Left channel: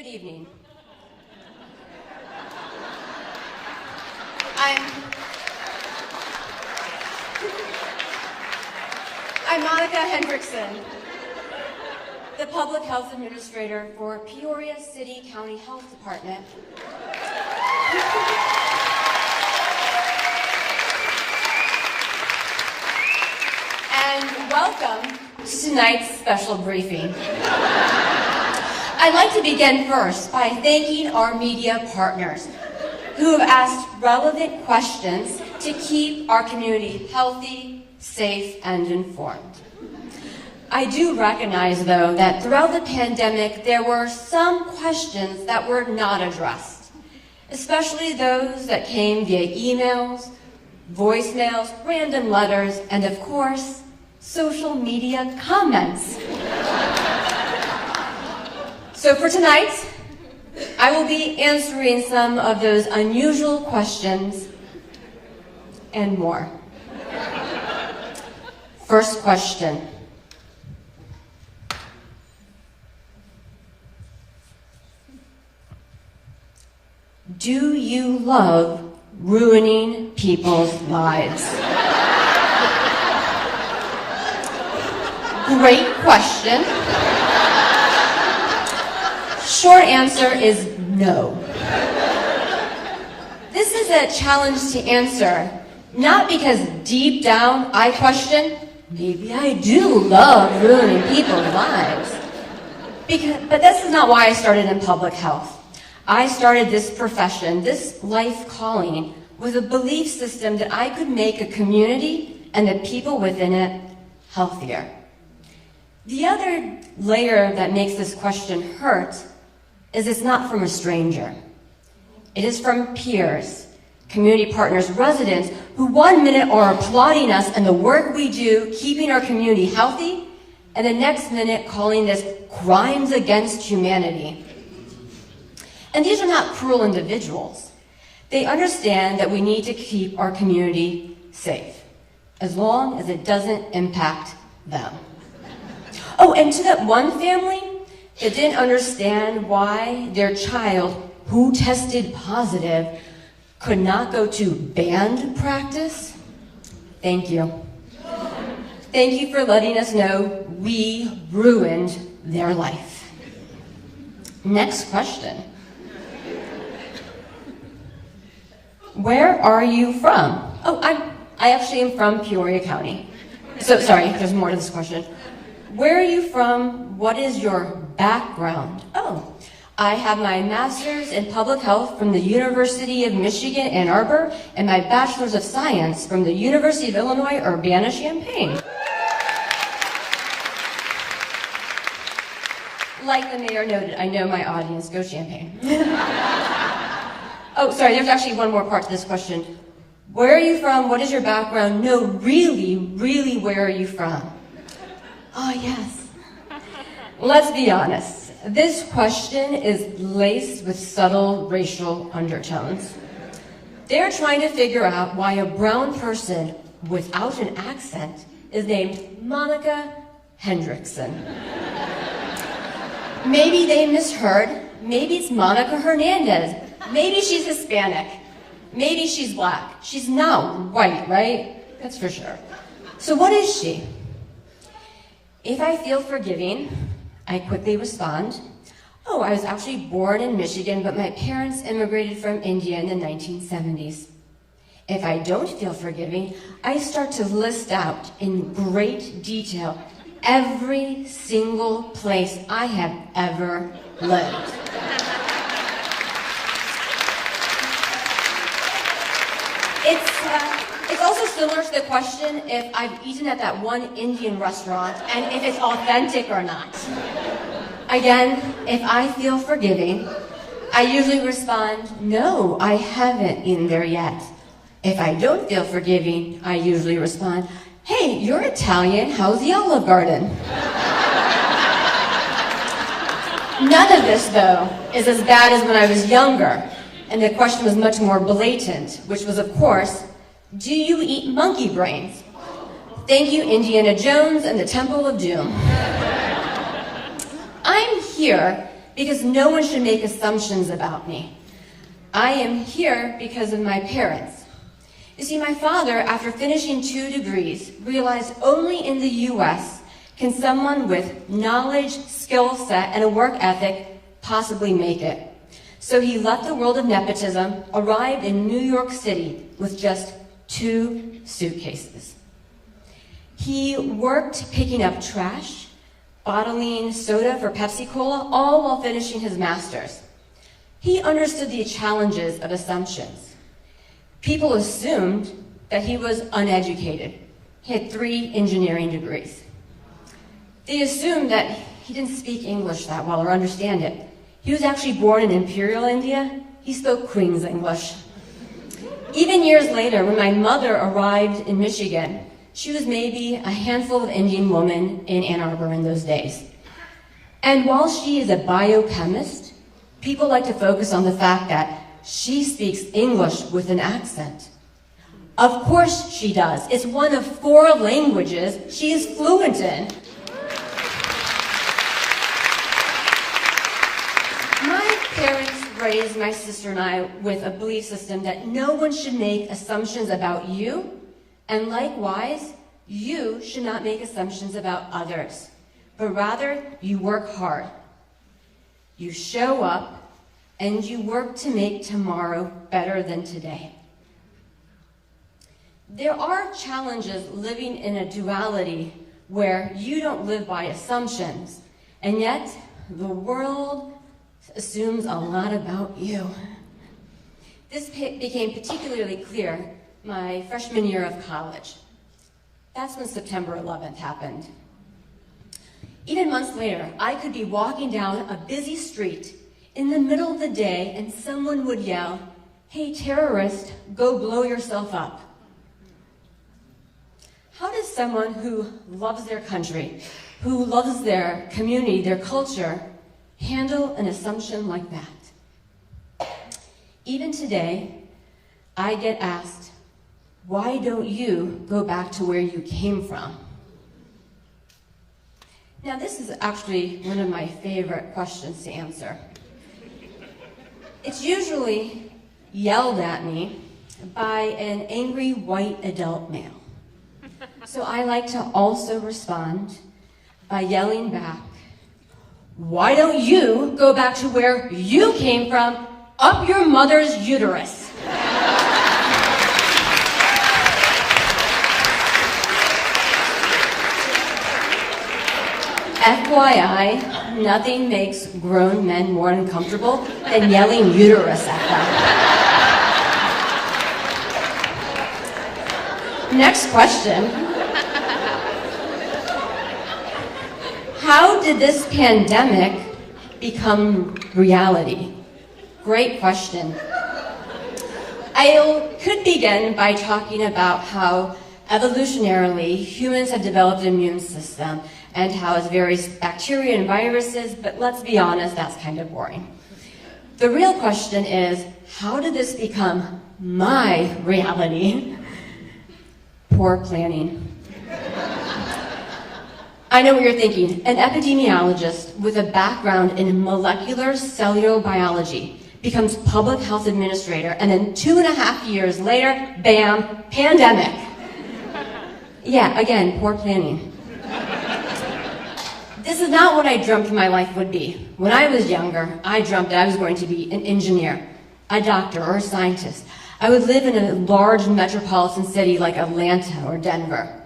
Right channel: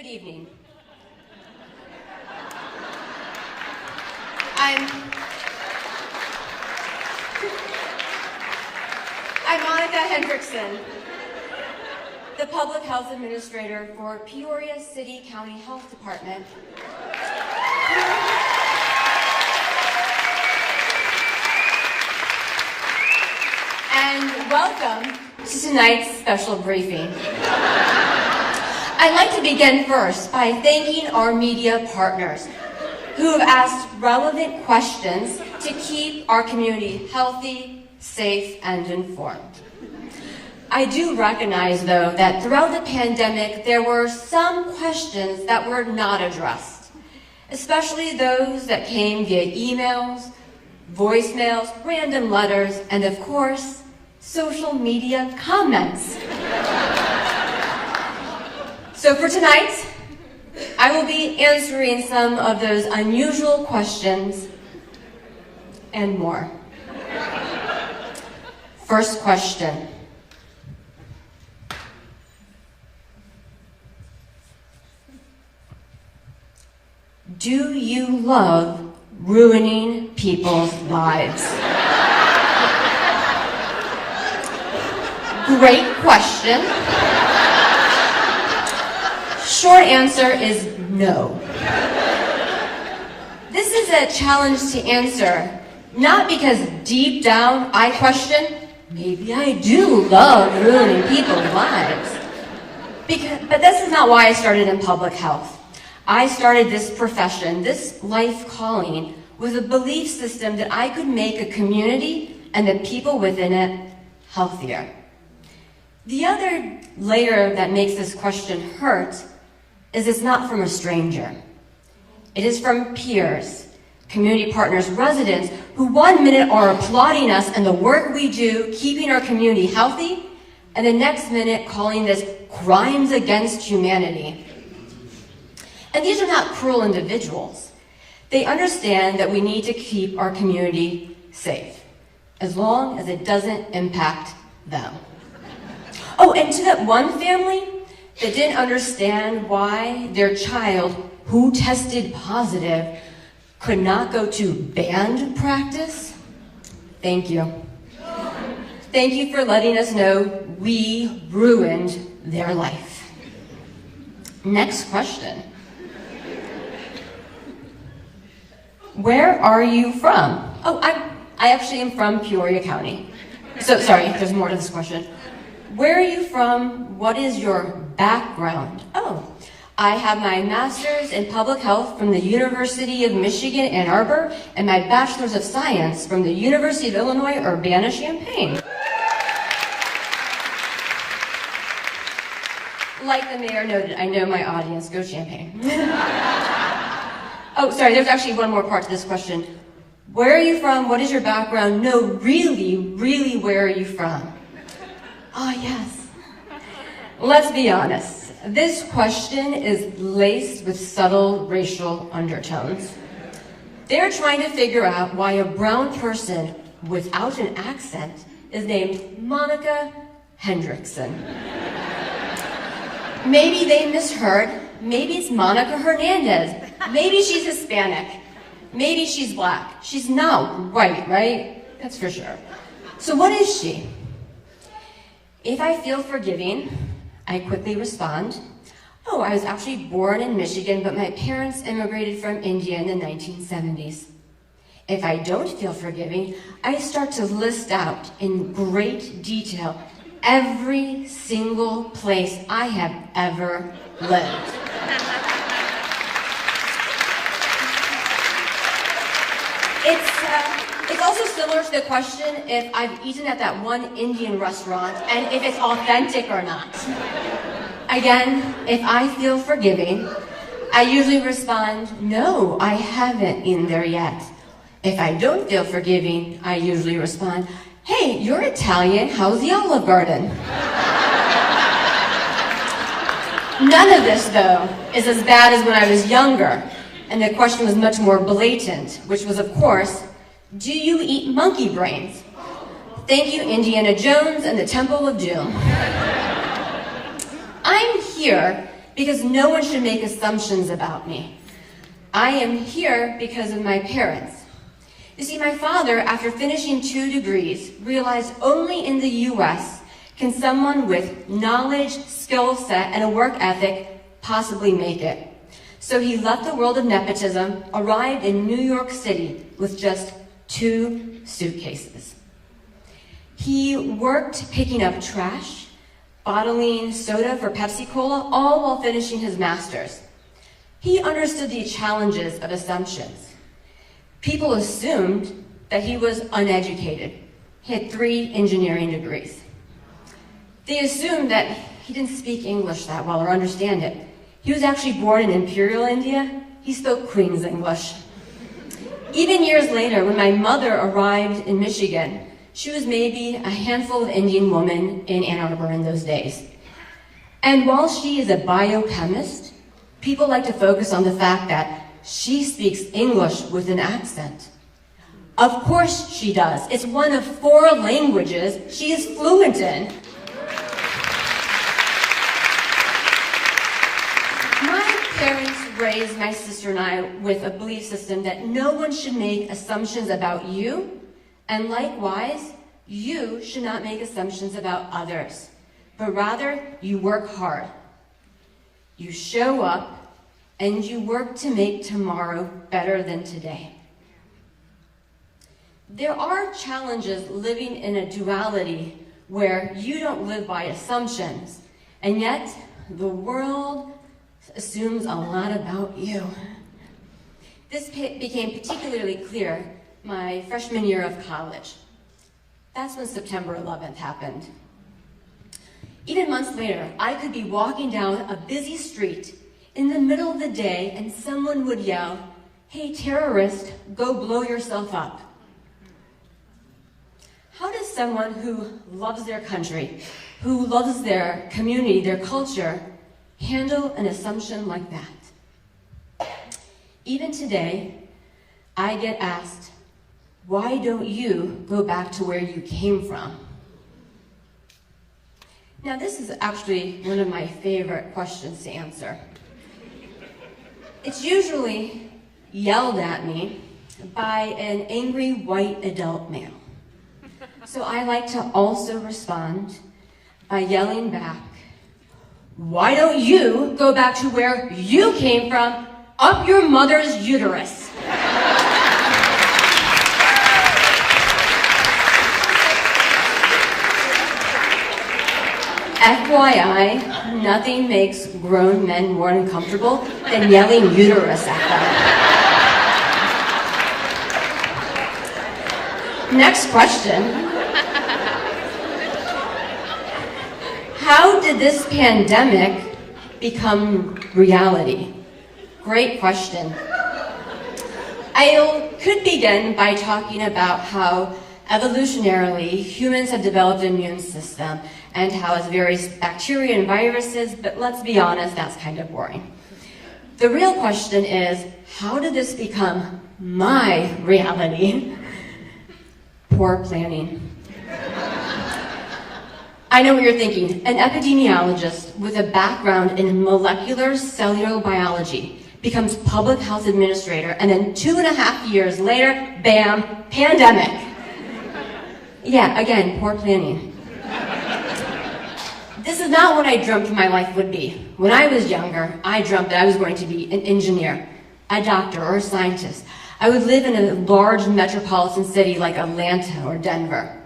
Good evening. I'm Monica Hendrickson, the Public Health Administrator for Peoria City County Health Department. And welcome to tonight's special briefing. I'd like to begin first by thanking our media partners who have asked relevant questions to keep our community healthy, safe, and informed. I do recognize, though, that throughout the pandemic, there were some questions that were not addressed, especially those that came via emails, voicemails, random letters, and of course, social media comments. So for tonight, I will be answering some of those unusual questions and more. First question. Do you love ruining people's lives? Great question. Short answer is no. This is a challenge to answer, not because deep down I question, maybe I do love ruining people's lives. But this is not why I started in public health. I started this profession, this life calling, with a belief system that I could make a community and the people within it healthier. The other layer that makes this question hurt is it's not from a stranger. It is from peers, community partners, residents who 1 minute are applauding us and the work we do keeping our community healthy, and the next minute calling this crimes against humanity. And these are not cruel individuals. They understand that we need to keep our community safe, as long as it doesn't impact them. Oh, and to that one family that didn't understand why their child, who tested positive, could not go to band practice, thank you. Thank you for letting us know we ruined their life. Next question. Where are you from? Oh, I actually am from Peoria County. So, sorry, there's more to this question. Where are you from? What is your background? Oh, I have my master's in public health from the University of Michigan, Ann Arbor, and my bachelor's of science from the University of Illinois, Urbana-Champaign. Like the mayor noted, I know my audience. Go Champaign. Oh, sorry, there's actually one more part to this question. Where are you from? What is your background? No, really, where are you from? Oh, yes. Let's be honest. This question is laced with subtle racial undertones. They're trying to figure out why a brown person without an accent is named Monica Hendrickson. Maybe they misheard. Maybe it's Monica Hernandez. Maybe she's Hispanic. Maybe she's black. She's not white, right? That's for sure. So what is she? If I feel forgiving, I quickly respond, oh, I was actually born in Michigan, but my parents immigrated from India in the 1970s. If I don't feel forgiving, I start to list out in great detail every single place I have ever lived. It's also similar to the question if I've eaten at that one Indian restaurant and if it's authentic or not. Again, if I feel forgiving, I usually respond, no, I haven't eaten there yet. If I don't feel forgiving, I usually respond, hey, you're Italian, how's the Olive Garden? None of this, though, is as bad as when I was younger, and the question was much more blatant, which was, of course, do you eat monkey brains? Thank you, Indiana Jones and the Temple of Doom. I'm here because no one should make assumptions about me. I am here because of my parents. You see, my father, after finishing 2 degrees, realized only in the US can someone with knowledge, skill set, and a work ethic possibly make it. So he left the world of nepotism, arrived in New York City with just 2 suitcases. He worked picking up trash, bottling soda for Pepsi Cola, all while finishing his master's. He understood the challenges of assumptions. People assumed that he was uneducated. He had 3 engineering degrees. They assumed that he didn't speak English that well or understand it. He was actually born in Imperial India. He spoke Queen's English. Even years later, when my mother arrived in Michigan, she was maybe a handful of Indian women in Ann Arbor in those days. And while she is a biochemist, people like to focus on the fact that she speaks English with an accent. Of course she does. It's one of 4 languages she is fluent in. My parents raised my sister and I with a belief system that no one should make assumptions about you, and likewise, you should not make assumptions about others, but rather you work hard. You show up, and you work to make tomorrow better than today. There are challenges living in a duality where you don't live by assumptions, and yet the world assumes a lot about you. This became particularly clear my freshman year of college. That's when September 11th happened. Even months later, I could be walking down a busy street in the middle of the day and someone would yell, "Hey, terrorist, go blow yourself up." How does someone who loves their country, who loves their community, their culture, handle an assumption like that? Even today, I get asked, why don't you go back to where you came from? Now, this is actually one of my favorite questions to answer. It's usually yelled at me by an angry white adult male. So I like to also respond by yelling back, why don't you go back to where you came from, up your mother's uterus? FYI, nothing makes grown men more uncomfortable than yelling uterus at them. Next question. How did this pandemic become reality? Great question. I could begin by talking about how evolutionarily humans have developed an immune system and how it's various bacteria and viruses, but let's be honest, that's kind of boring. The real question is, how did this become my reality? Poor planning. I know what you're thinking. An epidemiologist with a background in molecular cellular biology becomes public health administrator, and then 2.5 years later, bam, pandemic. Yeah, again, poor planning. This is not what I dreamt my life would be. When I was younger, I dreamt that I was going to be an engineer, a doctor, or a scientist. I would live in a large metropolitan city like Atlanta or Denver.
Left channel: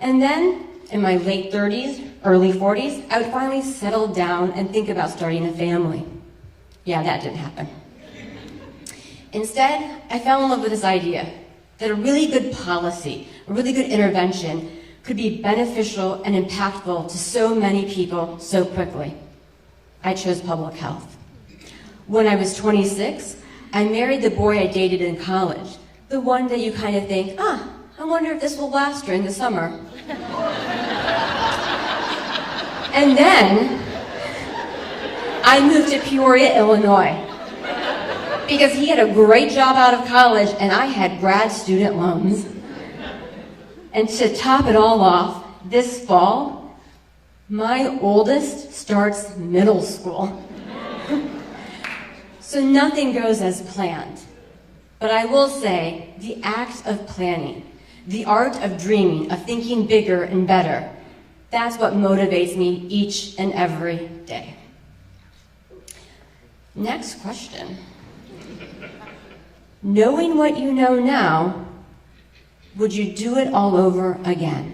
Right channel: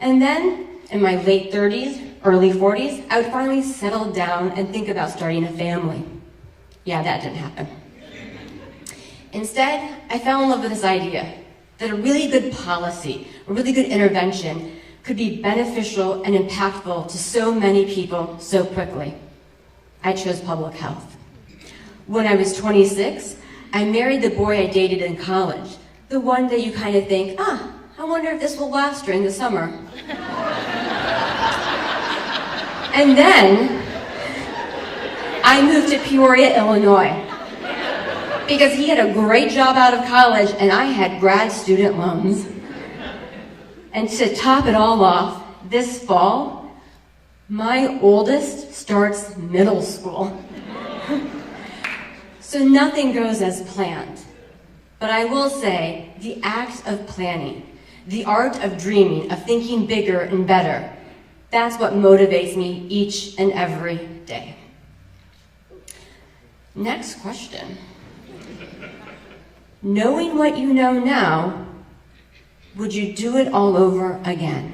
And then, in my late 30s, early 40s, I would finally settle down and think about starting a family. Yeah, that didn't happen. Instead, I fell in love with this idea that a really good policy, a really good intervention could be beneficial and impactful to so many people so quickly. I chose public health. When I was 26, I married the boy I dated in college, the one that you kind of think, I wonder if this will last during the summer. And then I moved to Peoria, Illinois, because he had a great job out of college and I had grad student loans. And to top it all off, this fall, my oldest starts middle school. So nothing goes as planned. But I will say, the act of planning, the art of dreaming, of thinking bigger and better, that's what motivates me each and every day. Next question. Knowing what you know now, would you do it all over again?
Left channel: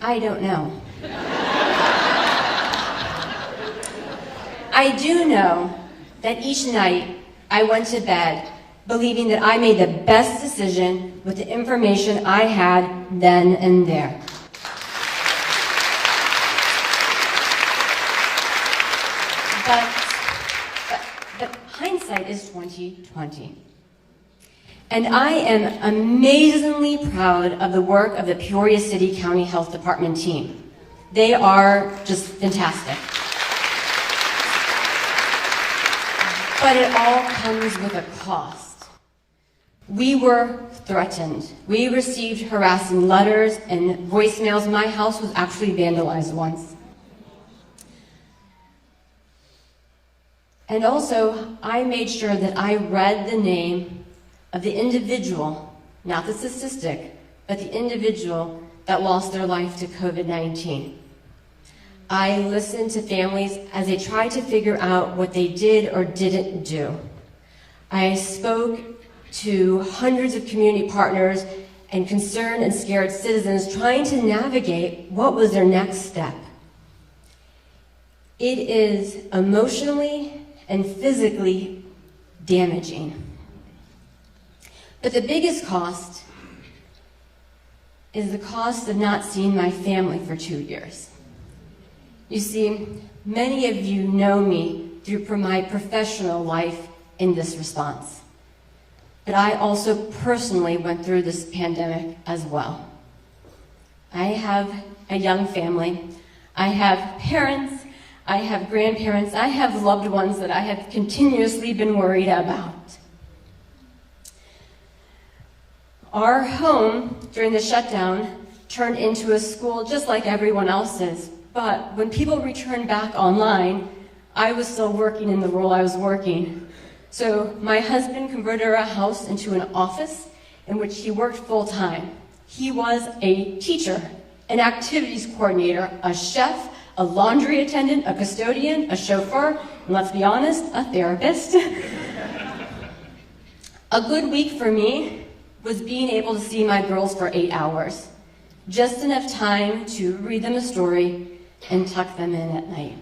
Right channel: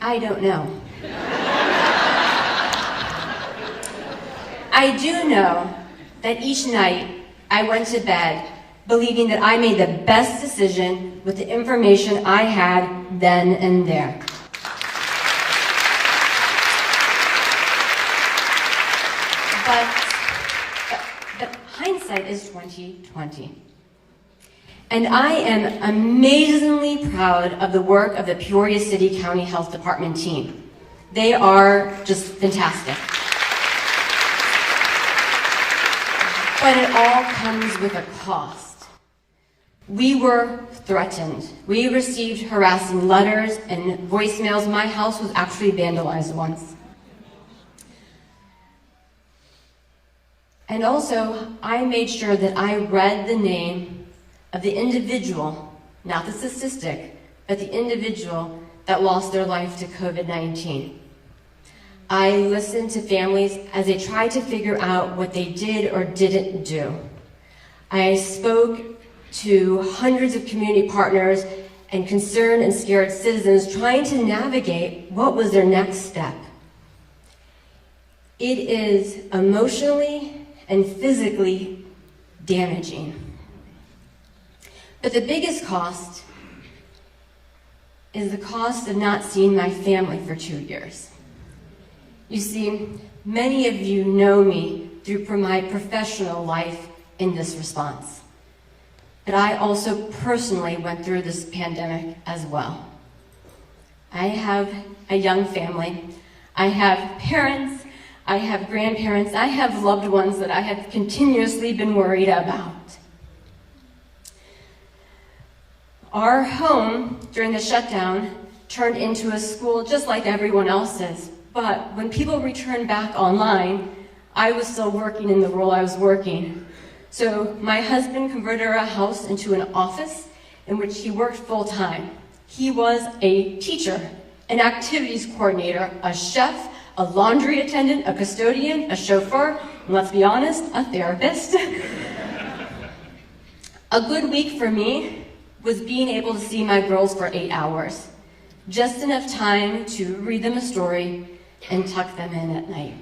I don't know. I do know that each night I went to bed believing that I made the best decision with the information I had then and there. But hindsight is 20/20. And I am amazingly proud of the work of the Peoria City County Health Department team. They are just fantastic. But it all comes with a cost. We were threatened. We received harassing letters and voicemails. My house was actually vandalized once. And also, I made sure that I read the name of the individual, not the statistic, but the individual that lost their life to COVID-19. I listened to families as they tried to figure out what they did or didn't do. I spoke to hundreds of community partners and concerned and scared citizens trying to navigate what was their next step. It is emotionally and physically damaging. But the biggest cost is the cost of not seeing my family for 2 years. You see, many of you know me through my professional life in this response. But I also personally went through this pandemic as well. I have a young family. I have parents. I have grandparents. I have loved ones that I have continuously been worried about. Our home during the shutdown turned into a school just like everyone else's. But when people returned back online, I was still working in the role I was working. So my husband converted our house into an office in which he worked full-time. He was a teacher, an activities coordinator, a chef, a laundry attendant, a custodian, a chauffeur, and let's be honest, a therapist. A good week for me was being able to see my girls for 8 hours. Just enough time to read them a story and tuck them in at night.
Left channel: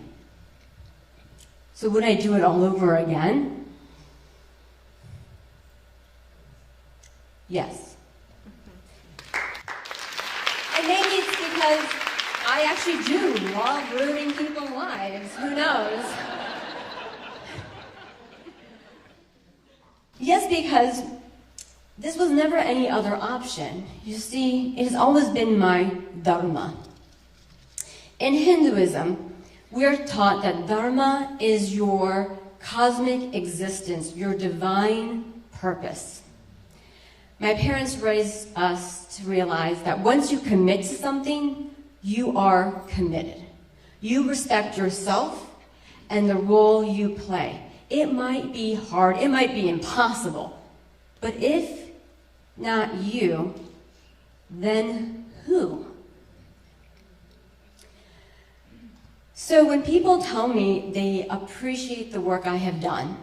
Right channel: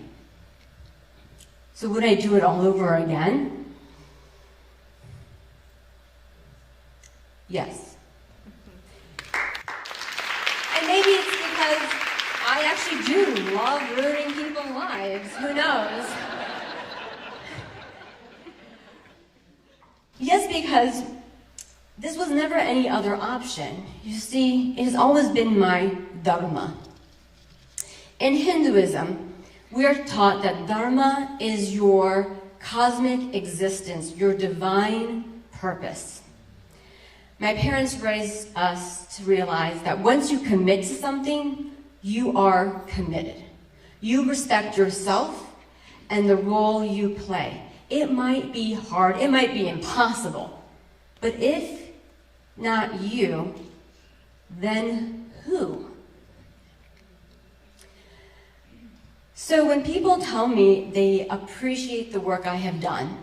So would I do it all over again? Yes. And maybe it's because I actually do love ruining people's lives. Who knows? Yes, because this was never any other option. You see, it has always been my Dharma. In Hinduism, we are taught that Dharma is your cosmic existence, your divine purpose. My parents raised us to realize that once you commit to something, you are committed. You respect yourself and the role you play. It might be hard, it might be impossible, but if not you, then who? So when people tell me they appreciate the work I have done,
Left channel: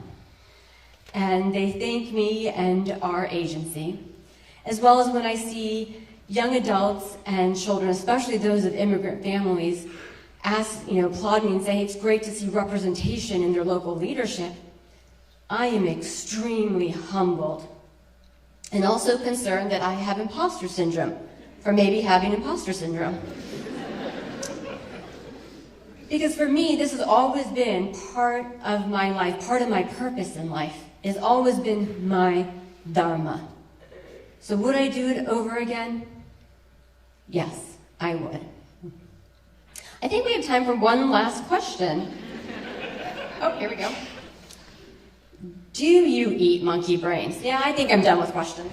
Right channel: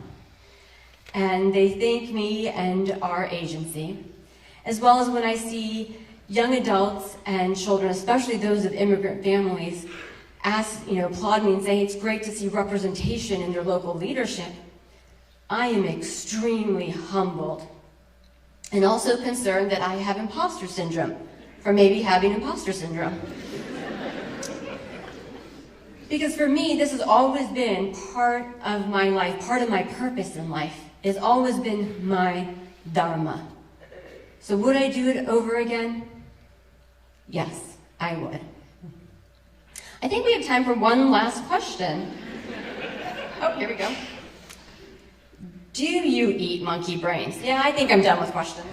and they thank me and our agency, as well as when I see young adults and children, especially those of immigrant families, applaud me and say it's great to see representation in their local leadership, I am extremely humbled and also concerned that I have imposter syndrome for maybe having imposter syndrome. Because for me, this has always been part of my life, part of my purpose in life. It's always been my Dharma. So would I do it over again? Yes, I would. I think we have time for one last question. Oh, here we go. Do you eat monkey brains? Yeah, I think I'm done with questions.